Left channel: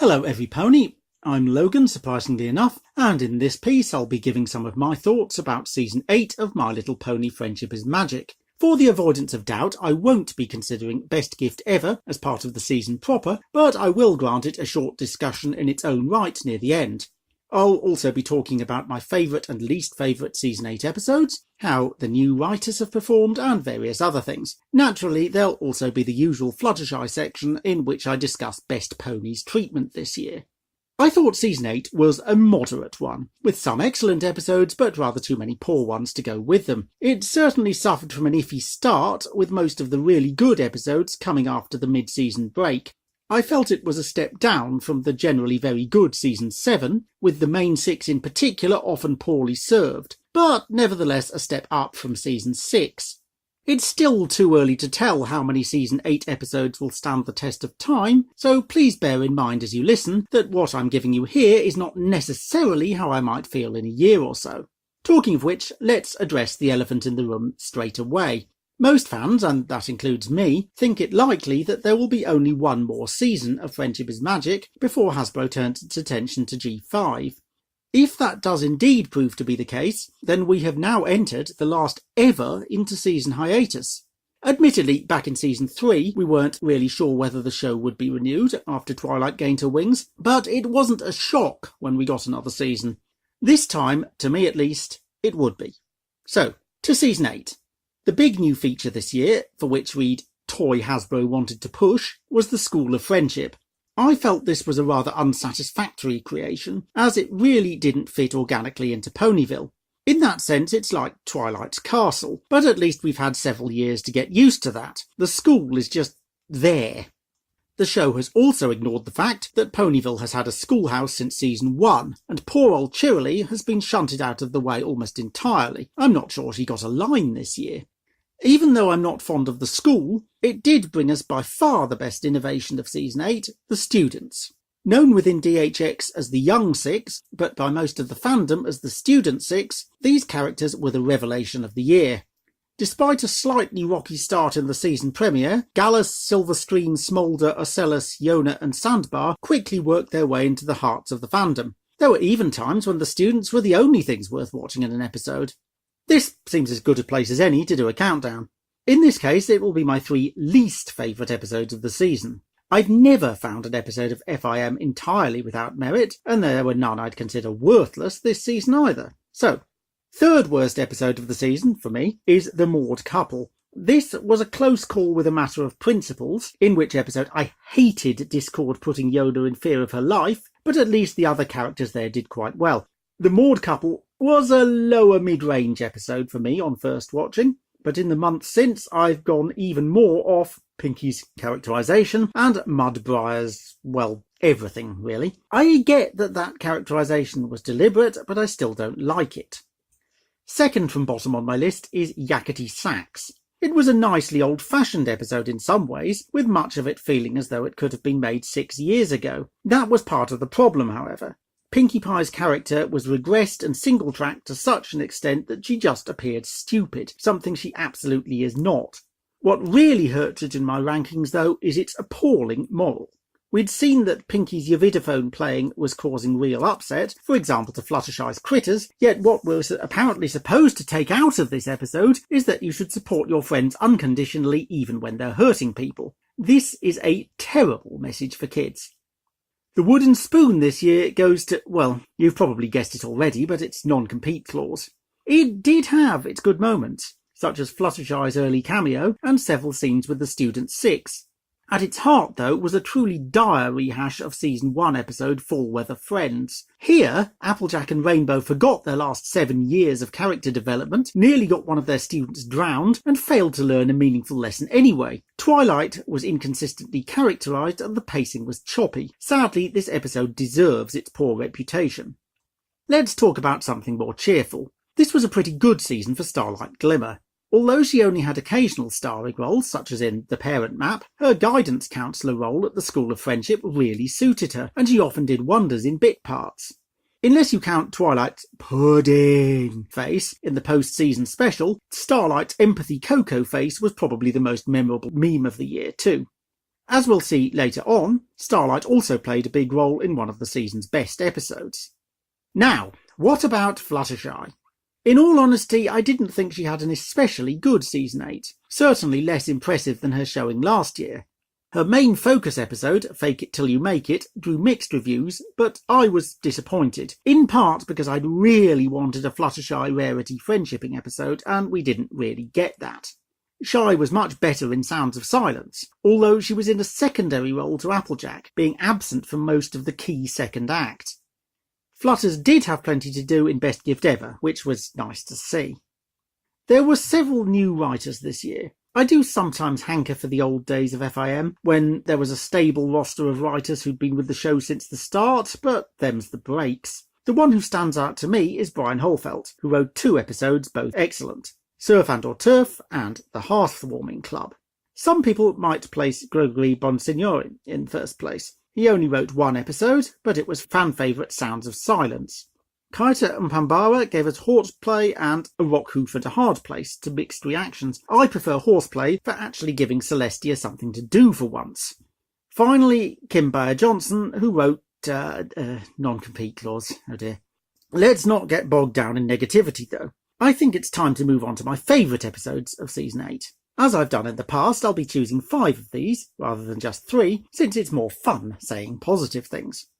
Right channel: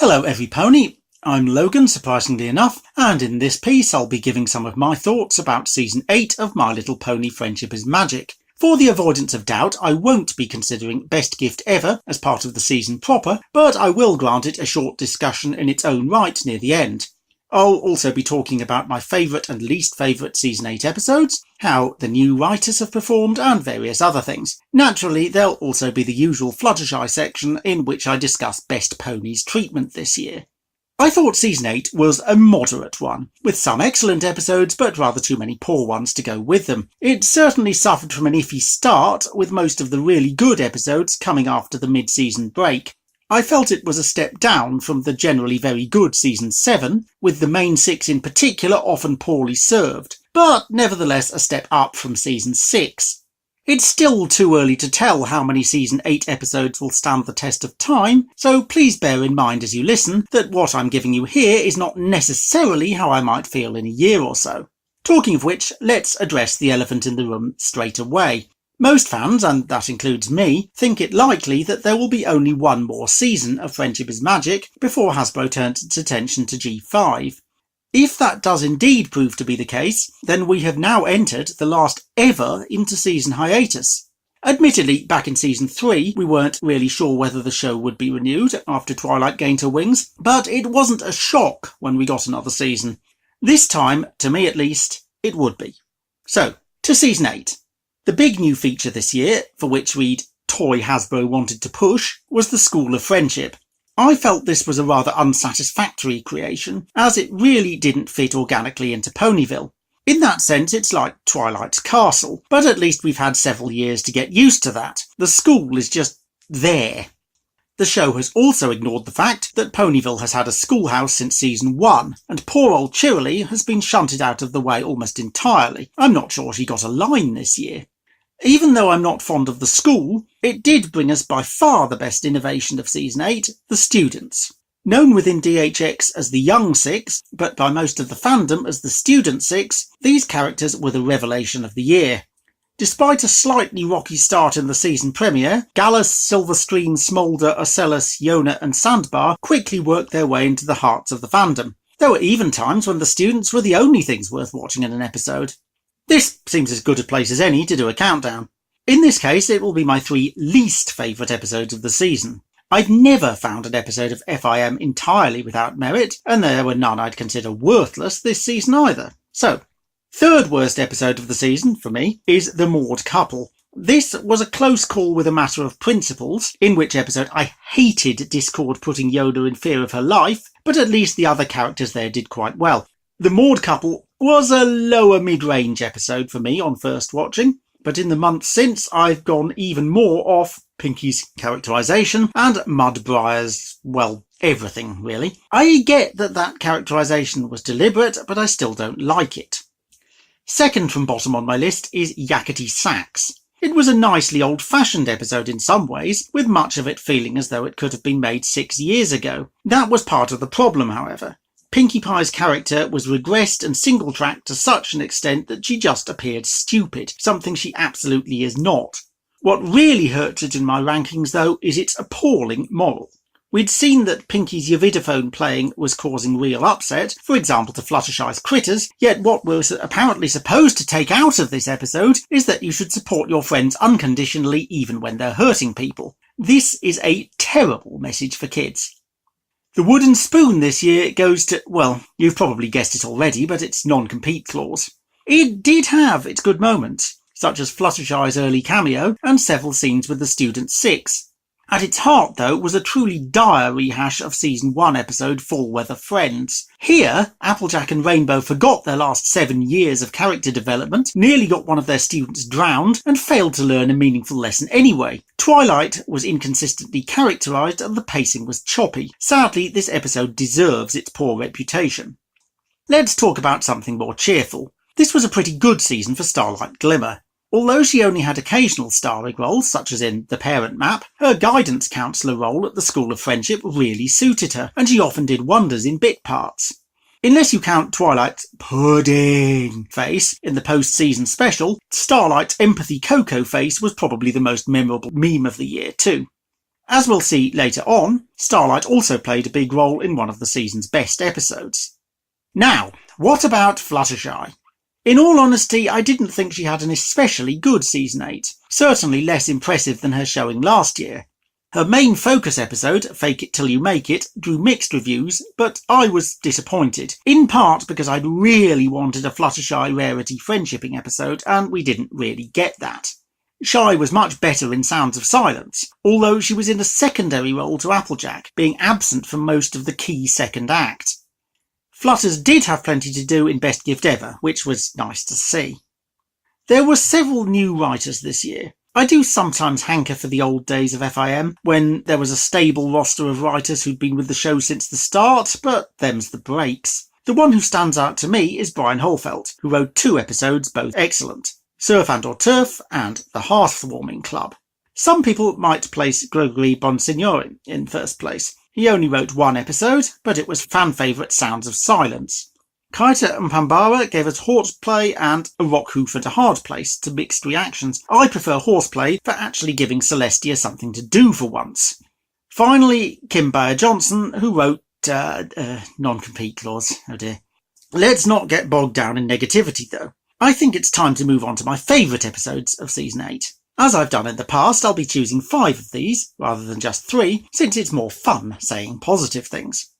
Hello every pony, I'm Logan, surprisingly enough, and in this piece I'll be giving some of my thoughts about Season 8 of My Little Pony Friendship is Magic. For the avoidance of doubt, I won't be considering Best Gift Ever as part of the season proper, but I will grant it a short discussion in its own right near the end. I'll also be talking about my favourite and least favourite Season 8 episodes, how the new writers have performed, and various other things. Naturally, there'll also be the usual Fluttershy section in which I discuss Best Ponies treatment this year. I thought Season 8 was a moderate one, with some excellent episodes but rather too many poor ones to go with them. It certainly suffered from an iffy start, with most of the really good episodes coming after the mid-season break. I felt it was a step down from the generally very good Season 7, with the main six in particular often poorly served, but nevertheless a step up from Season 6. It's still too early to tell how many Season 8 episodes will stand the test of time, so please bear in mind as you listen that what I'm giving you here is not necessarily how I might feel in a year or so. Talking of which, let's address the elephant in the room straight away. Most fans, and that includes me, think it likely that there will be only one more season of Friendship is Magic before Hasbro turns its attention to G5. If that does indeed prove to be the case, then we have now entered the last ever inter-season hiatus. Admittedly, back in Season 3, we weren't really sure whether the show would be renewed after Twilight gained her wings, but it wasn't a shock when we got another season. This time, to me at least, it would be. So, to Season 8. The big new feature this year, for which we'd toy Hasbro wanted to push, was the School of Friendship. I felt this was a rather unsatisfactory creation, as it really didn't fit organically into Ponyville. In that sense, it's like Twilight's Castle, but at least we've had several years to get used to that. The school is just there. The show has also ignored the fact that Ponyville has had a schoolhouse since Season 1, and poor old Cheerilee has been shunted out of the way almost entirely. I'm not sure she got a line this year. Even though I'm not fond of the school, it did bring us by far the best innovation of Season 8, the students. Known within DHX as the Young Six, but by most of the fandom as the Student Six, these characters were the revelation of the year. Despite a slightly rocky start in the season premiere, Gallus, Silverscreen, Smolder, Ocellus, Yona and Sandbar quickly worked their way into the hearts of the fandom. There were even times when the students were the only things worth watching in an episode. This seems as good a place as any to do a countdown. In this case, it will be my 3 least favourite episodes of the season. I've never found an episode of FiM entirely without merit, and there were none I'd consider worthless this season either. So, third worst episode of the season, for me, is The Maud Couple. This was a close call with a matter of principles, in which episode I hated Discord putting Yoda in fear of her life, but at least the other characters there did quite well. The Maud Couple was a lower mid-range episode for me on first watching, but in the months since I've gone even more off Pinky's characterisation and Mudbriar's, well, everything really. I get that characterisation was deliberate, but I still don't like it. Second from bottom on my list is Yakety Sax. It was a nicely old-fashioned episode in some ways, with much of it feeling as though it could have been made 6 years ago. That was part of the problem, however. Pinkie Pie's character was regressed and single-tracked to such an extent that she just appeared stupid, something she absolutely is not. What really hurts it in my rankings, though, is its appalling moral. We'd seen that Pinkie's Yavidophone playing was causing real upset, for example to Fluttershy's critters, yet what we're apparently supposed to take out of this episode is that you should support your friends unconditionally even when they're hurting people. This is a terrible message for kids. The wooden spoon this year goes to, well, you've probably guessed it already, but it's non-compete clause. It did have its good moments, such as Fluttershy's early cameo and several scenes with the Student Six. At its heart, though, was a truly dire rehash of Season 1 episode Fall Weather Friends. Here, Applejack and Rainbow forgot their last 7 years of character development, nearly got one of their students drowned, and failed to learn a meaningful lesson anyway. Twilight was inconsistently characterised and the pacing was choppy. Sadly, this episode deserves its poor reputation. Let's talk about something more cheerful. This was a pretty good season for Starlight Glimmer. Although she only had occasional starring roles, such as in The Parent Map, her guidance counsellor role at the School of Friendship really suited her, and she often did wonders in bit parts. Unless you count Twilight's pudding face in the post-season special, Starlight's empathy Coco face was probably the most memorable meme of the year too. As we'll see later on, Starlight also played a big role in one of the season's best episodes. Now, what about Fluttershy? In all honesty, I didn't think she had an especially good Season 8, certainly less impressive than her showing last year. Her main focus episode, Fake It Till You Make It, drew mixed reviews, but I was disappointed, in part because I'd really wanted a Fluttershy rarity friendshipping episode, and we didn't really get that. Shy was much better in Sounds of Silence, although she was in a secondary role to Applejack, being absent from most of the key second act. Flutters did have plenty to do in Best Gift Ever, which was nice to see. There were several new writers this year. I do sometimes hanker for the old days of FiM, when there was a stable roster of writers who'd been with the show since the start, but them's the breaks. The one who stands out to me is Brian Holfeld, who wrote 2 episodes, both excellent, Surf and or Turf and The Heartwarming Club. Some people might place Gregory Bonsignore in first place. He only wrote 1 episode, but it was fan favourite Sounds of Silence. Kaita and Pambara gave us Horseplay and A Rock Who for the Hard Place to mixed reactions. I prefer Horseplay for actually giving Celestia something to do for once. Finally, Kim Bayer-Johnson, who wrote non-compete clause. Oh dear. Let's not get bogged down in negativity though. I think it's time to move on to my favourite episodes of Season 8. As I've done in the past, I'll be choosing 5 of these, rather than just 3, since it's more fun saying positive things.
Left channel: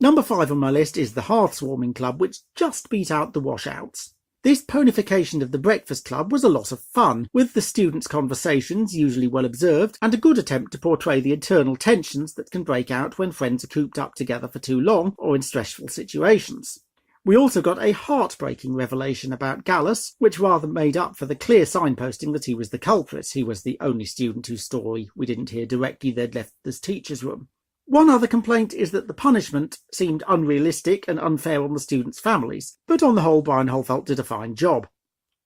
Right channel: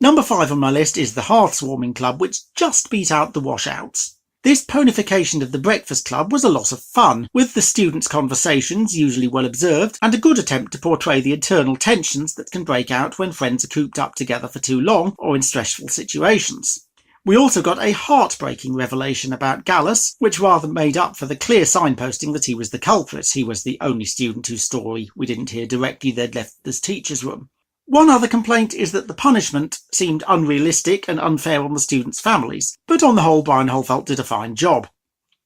Number 5 on my list is The Heartwarming Club, which just beat out The Washouts. This ponification of the Breakfast Club was a lot of fun, with the students' conversations usually well observed, and a good attempt to portray the internal tensions that can break out when friends are cooped up together for too long, or in stressful situations. We also got a heartbreaking revelation about Gallus, which rather made up for the clear signposting that he was the culprit. He was the only student whose story we didn't hear directly they'd left this teacher's room. One other complaint is that the punishment seemed unrealistic and unfair on the students' families, but on the whole Brian Holfeld did a fine job.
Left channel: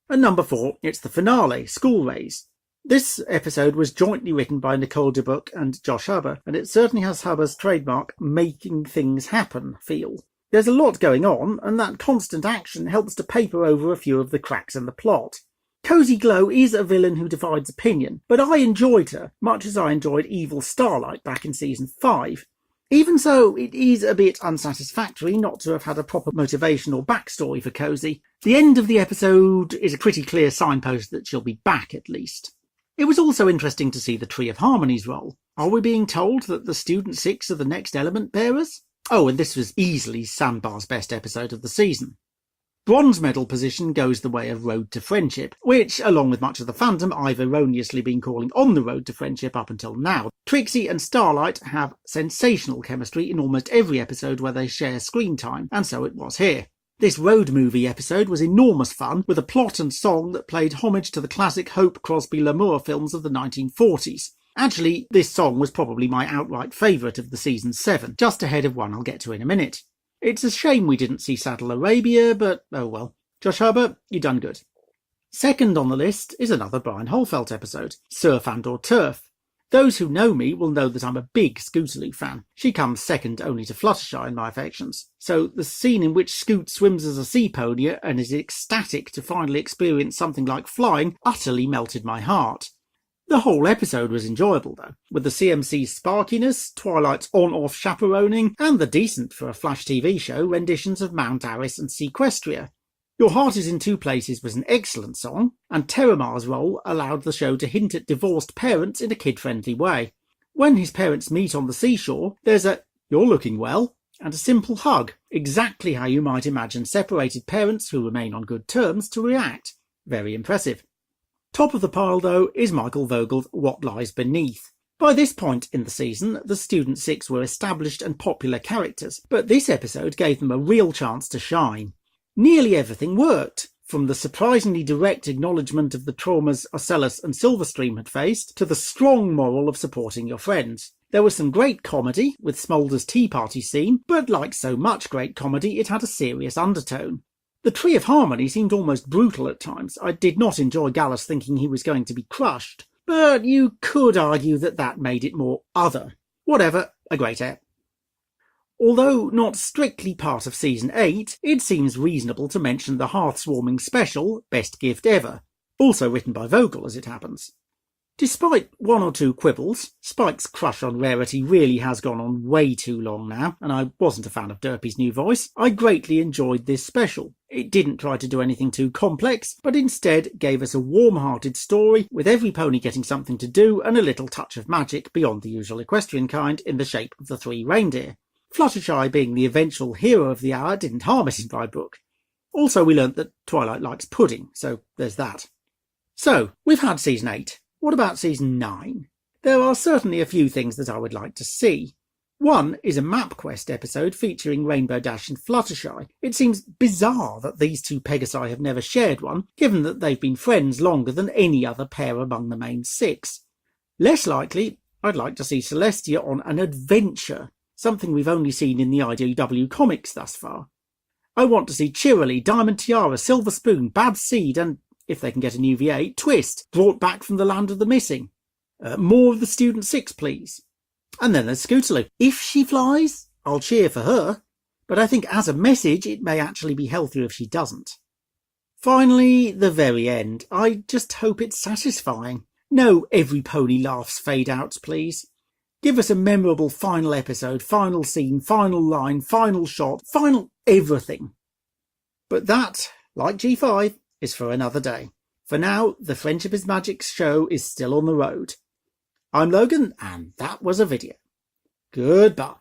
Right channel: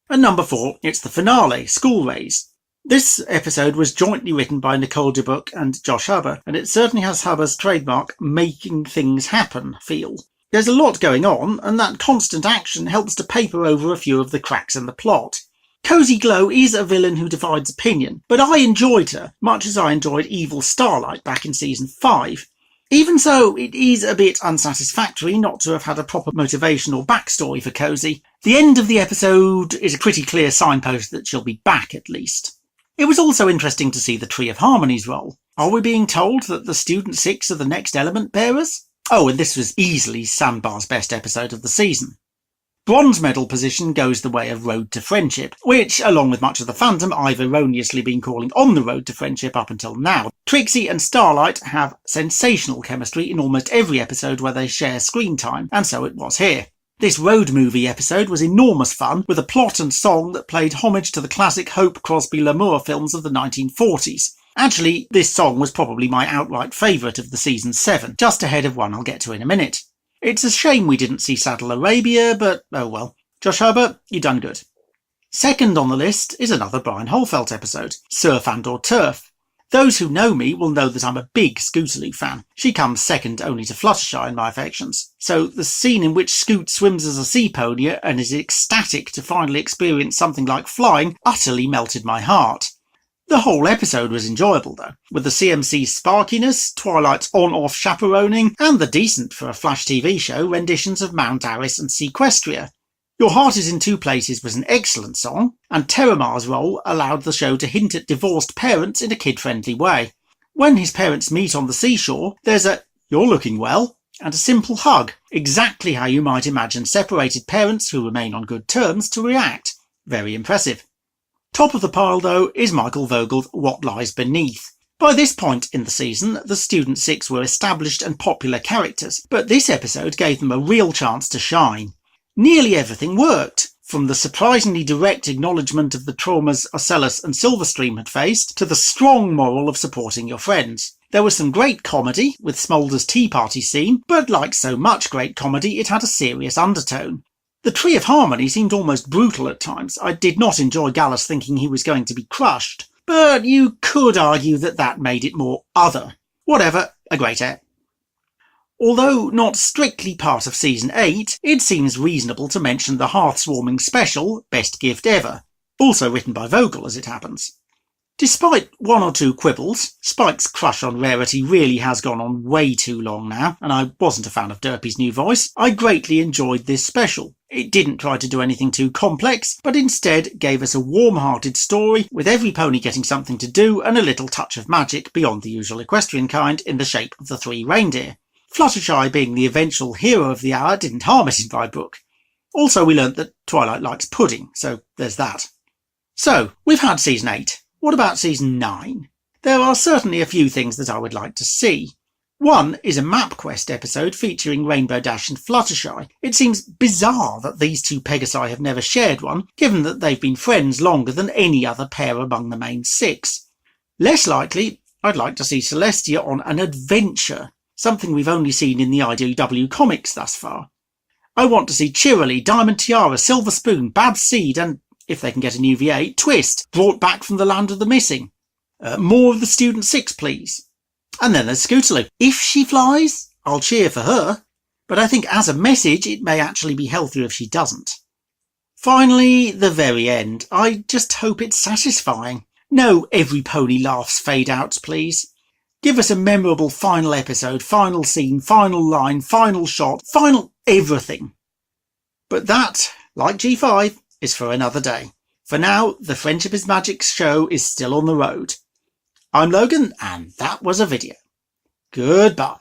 And number 4, it's the finale, School Raise. This episode was jointly written by Nicole DeBuck and Josh Huber, and it certainly has Huber's trademark making things happen feel. There's a lot going on, and that constant action helps to paper over a few of the cracks in the plot. Cozy Glow is a villain who divides opinion, but I enjoyed her, much as I enjoyed Evil Starlight back in Season 5. Even so, it is a bit unsatisfactory not to have had a proper motivation or backstory for Cozy. The end of the episode is a pretty clear signpost that she'll be back at least. It was also interesting to see the Tree of Harmony's role. Are we being told that the Student 6 are the next element bearers? Oh, and this was easily Sandbar's best episode of the season. Bronze medal position goes the way of Road to Friendship, which, along with much of the fandom, I've erroneously been calling on the Road to Friendship up until now. Trixie and Starlight have sensational chemistry in almost every episode where they share screen time, and so it was here. This road movie episode was enormous fun, with a plot and song that played homage to the classic Hope Crosby-Lamour films of the 1940s. Actually, this song was probably my outright favourite of the Season 7, just ahead of one I'll get to in a minute. It's a shame we didn't see Saddle Arabia, but oh well. Josh Huber, you done good. Second on the list is another Brian Holfeld episode, Surf and or Turf. Those who know me will know that I'm a big Scootaloo fan. She comes second only to Fluttershy in my affections. So the scene in which Scoot swims as a sea pony and is ecstatic to finally experience something like flying utterly melted my heart. The whole episode was enjoyable though, with the CMC's sparkiness, Twilight's on-off chaperoning, and the decent for a Flash TV show renditions of Mount Aris and Sequestria. Your Heart Is in Two Places was an excellent song, and Terramar's role allowed the show to hint at divorced parents in a kid-friendly way. When his parents meet on the seashore, there's a "you're looking well" and a simple hug, exactly how you might imagine separated parents who remain on good terms to react. Very impressive. Top of the pile, though, is Michael Vogel's What Lies Beneath. By this point in the season, the Student 6 were established and popular characters, but this episode gave them a real chance to shine. Nearly everything worked, from the surprisingly direct acknowledgement of the traumas Ocellus and Silverstream had faced, to the strong moral of supporting your friends. There was some great comedy, with Smolder's tea party scene, but like so much great comedy, it had a serious undertone. The Tree of Harmony seemed almost brutal at times. I did not enjoy Gallus thinking he was going to be crushed, but you could argue that that made it more other. Whatever, a great ep. Although not strictly part of Season 8, it seems reasonable to mention the Hearthwarming special, Best Gift Ever, also written by Vogel as it happens. Despite one or two quibbles, Spike's crush on Rarity really has gone on way too long now, and I wasn't a fan of Derpy's new voice. I greatly enjoyed this special. It didn't try to do anything too complex, but instead gave us a warm-hearted story with every pony getting something to do and a little touch of magic beyond the usual equestrian kind in the shape of the 3 reindeer. Fluttershy being the eventual hero of the hour didn't harm it in my book. Also, we learnt that Twilight likes pudding, so there's that. So, we've had Season 8. What about Season 9? There are certainly a few things that I would like to see. One is a map quest episode featuring Rainbow Dash and Fluttershy. It seems bizarre that these two Pegasi have never shared one, given that they've been friends longer than any other pair among the main 6. Less likely, I'd like to see Celestia on an adventure, something we've only seen in the IDW comics thus far. I want to see Cheerilee, Diamond Tiara, Silver Spoon, Bad Seed and, if they can get a new VA, Twist, brought back from the land of the missing. More of the Student 6, please. And then there's Scootaloo. If she flies, I'll cheer for her, but I think as a message it may actually be healthier if she doesn't. Finally, the very end. I just hope it's satisfying. No every pony laughs fade outs, please. Give us a memorable final episode, final scene, final line, final shot, final everything. But that, like G5, is for another day. For now, the Friendship is Magic show is still on the road. I'm Logan, and that was a video. Goodbye.